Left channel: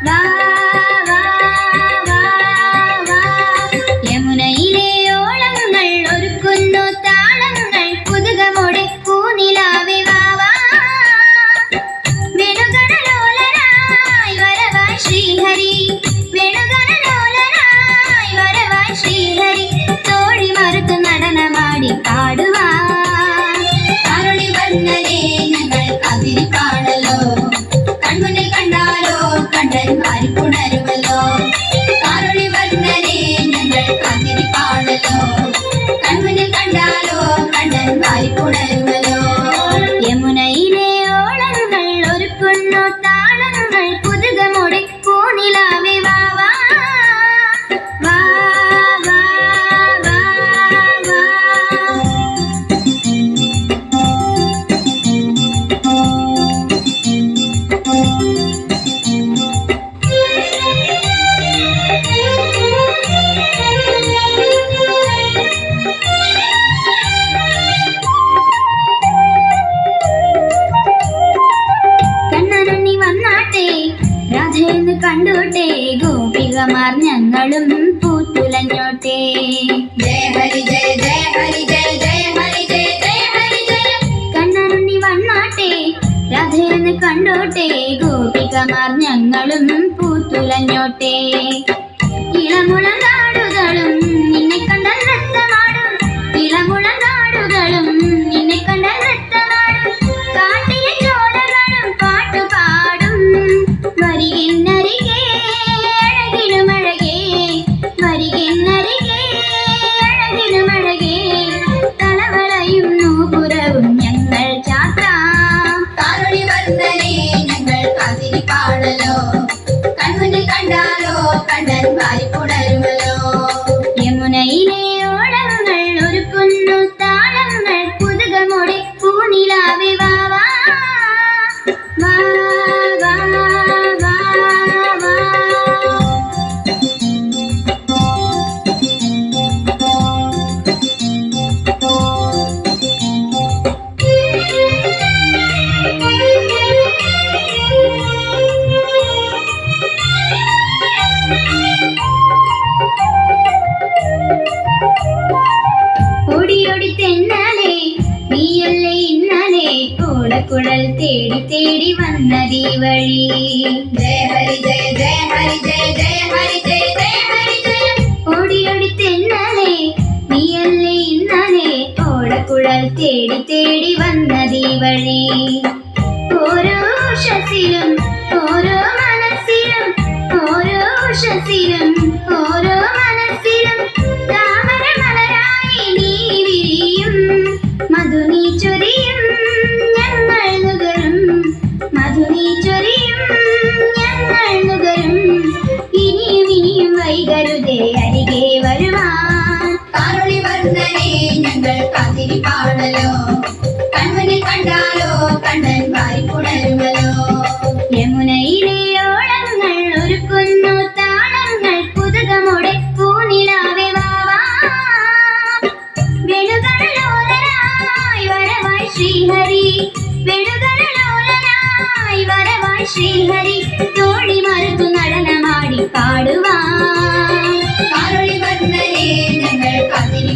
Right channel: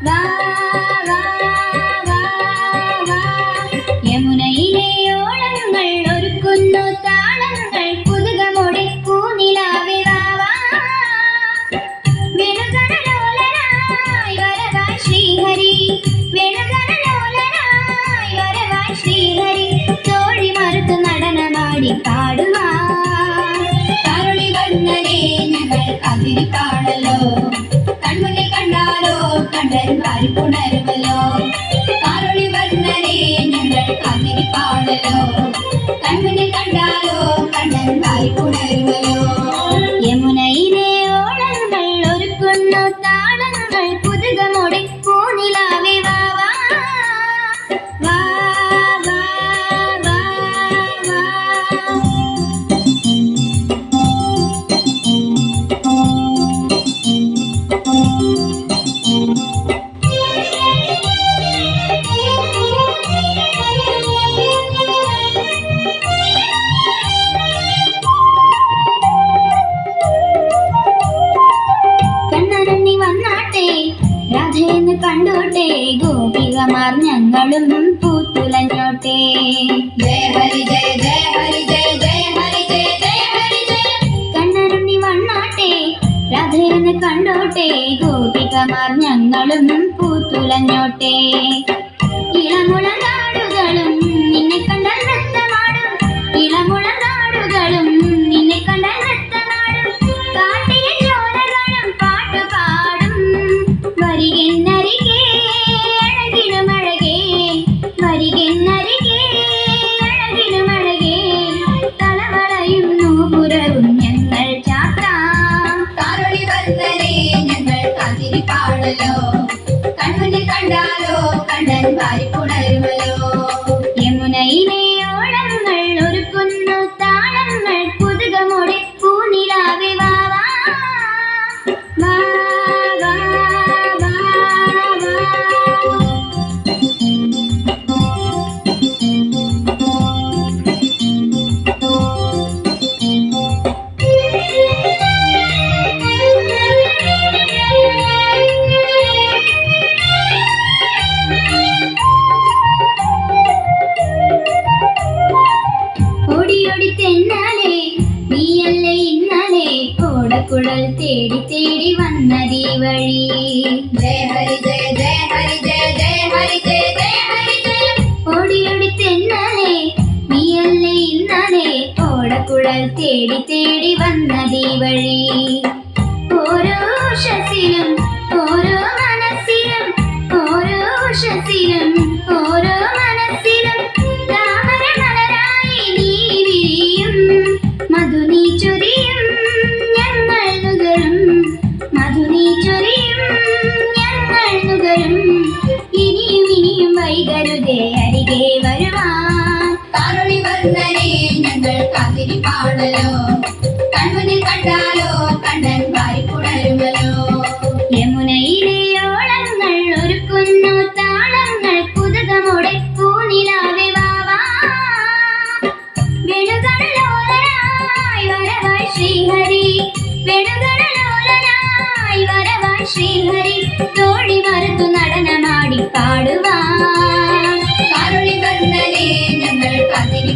đã নাই নাই കണ്ടോട്ടെ? ഗോപികമാർ ഞങ്ങളും പൂത്തുലഞ്ഞോട്ടെ. ജയ ഹരി ജയ ഹരി ജയ ജയ ഹരി ജയ ജയ ഹരി ജയ. കണ്ണറുണ്ണി വണ്ണോട്ടെ രാധയെന്ന് കണ്ടോട്ടെ. ഗോപികമാർ ഞങ്ങളും പൂത്തുലഞ്ഞോട്ടെ. ഇളമുളം പാടലോ കൺമുന്നിൽ കണ്ടാലോ കണ്ടൻ വാരി പുണരുമല്ലോ. യമുനയിലെ ഓളങ്ങൾ ഒരുക്കുന്നു താളങ്ങൾ കുതുകമോടെ പൂനിലാവെ വാ. ഓടിയോടി തെന്നാലേ നീയല്ലേ ഇന്നലെ? ഓടക്കുഴൽ തേടി തേടി വന്നതീ വഴി ജയ ഹരി ജയ ജയ ഹരി ജയ ജയ ഹരി ജയ ജയ ഹരി ജയ ഓടിയോടി തെന്നാലേ നീയല്ലേ ഇന്നലെ? ഓടക്കുഴൽ തേടി തേടി വന്നതീ വഴി ഓരോ ഉഷസിലും ഓരോ മനസ്സിലും ഓരോ ഉഷസിലും ഓരോ മനസ്സിലും പാടലോ കൺമുന്നിൽ കണ്ടാലോ കണ്ടൻ വാരി പുണരുമല്ലോ യമുനയിലെ ഓളങ്ങൾ ഒരുക്കുന്നു താളങ്ങൾ കുതുകമോടെ പൂനിലാവെ വാ വാ. വെണുകടലോലനായി വരവായി ശ്രീഹരി. വെണുകടലോലനായി വരവായി ശ്രീഹരി. തോഴി മറുത്തു നടനമാടി പാടുവാൻ. കാരുണി വന്നലേ ഞങ്ങൾ കതിരി